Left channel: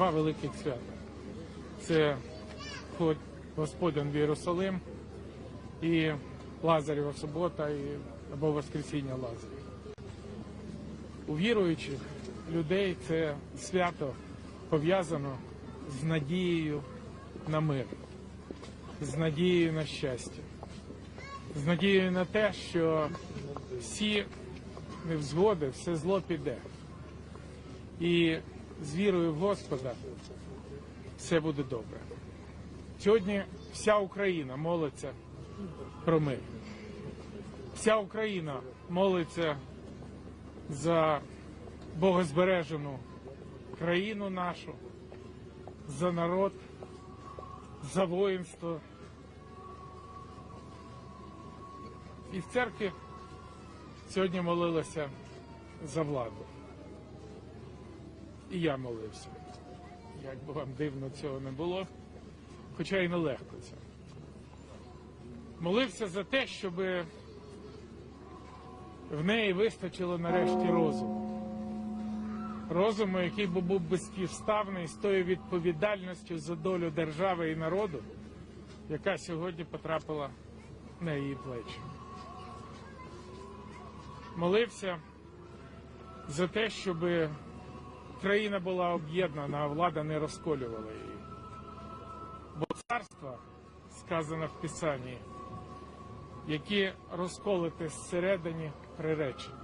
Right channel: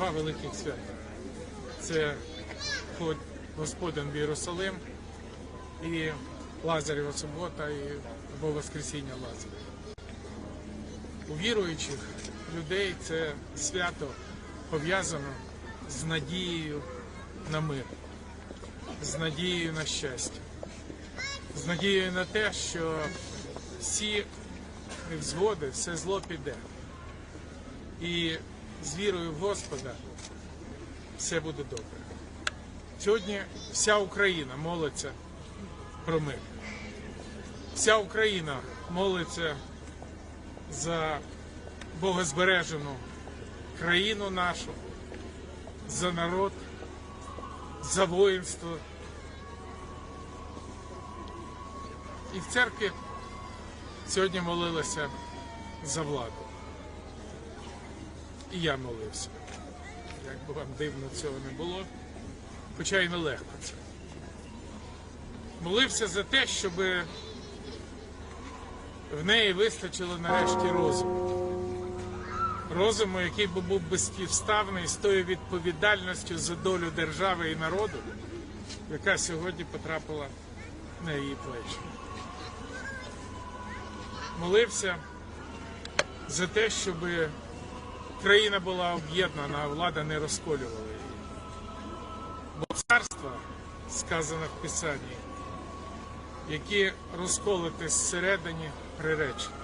два великих свята. Це вход Господен в Єрусалим і Лазарєва субота і або Воскресіння Лазаря. У віруючих людей це свято пов'язано з надією на мир, з надією на щастя, з надією на те, що всі невзгоди, все зло піде. І з вірою в Господа все буде добре. Сьогодні вся Україна молиться про мир. Вся Україна молиться за богозбережену країну нашу, за народ, за воїнство. І в церкві сьогодні молилися за владу. Я молився. Як би дивно цього не було, хоча й нелегко це. Молився за те, щоб в неї вистачило нарешті розуму. Розуму, який би був безпівставний з тою відповідальністю за долю держави і народу, яка сьогодні потрапила на її плечі. Молився за те, щоб Україна була об'єднана, а влада не розколювала її. Бо царства, сказано в Писанні, які розколоти зсередині приречені.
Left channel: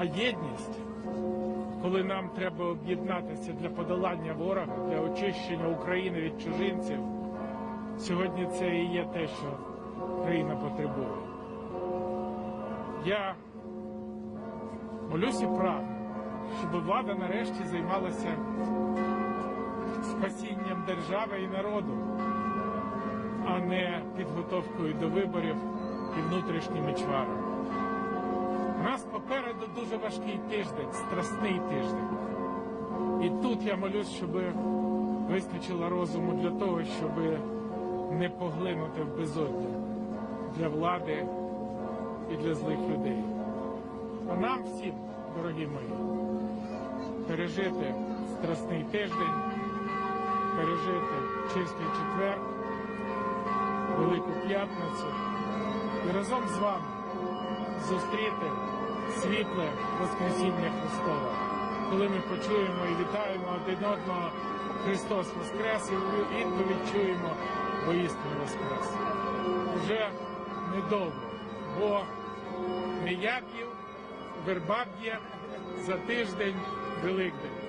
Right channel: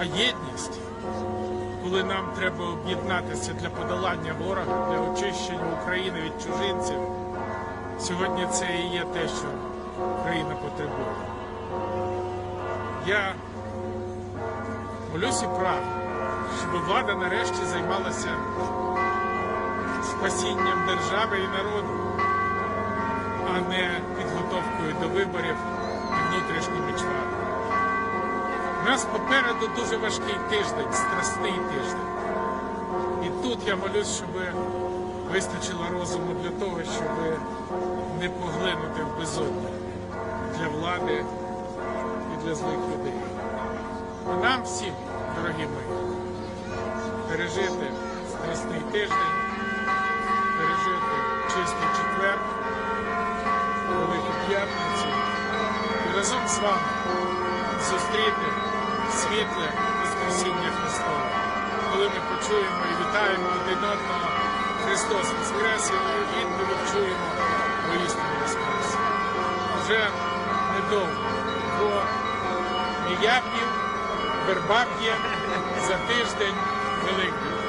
А єдність, коли нам треба об'єднатися для подолання ворога, для очищення України від чужинців, сьогодні це і є те, що Україна потребує. Я молюсь і прагну, щоб влада нарешті займалася спасінням держави і народу, а не підготовкою до виборів внутрішніми чварами. У нас попереду дуже важкий тиждень, страсний тиждень. І тут я молюсь, щоб вистачило розуму для того, щоб не поглинути в безодню для влади і для злих людей. А нам всім, пережити страсний тиждень, пережити чистий четвер, велику п'ятницю разом з вами зустріти світле Воскресіння Христа, коли ми почуємо і вітаємо один одного Христос Воскрес, і відповідь чуємо воістину Воскрес. Вже недовго, бо не я пів, верба п'є за тиждень Billy.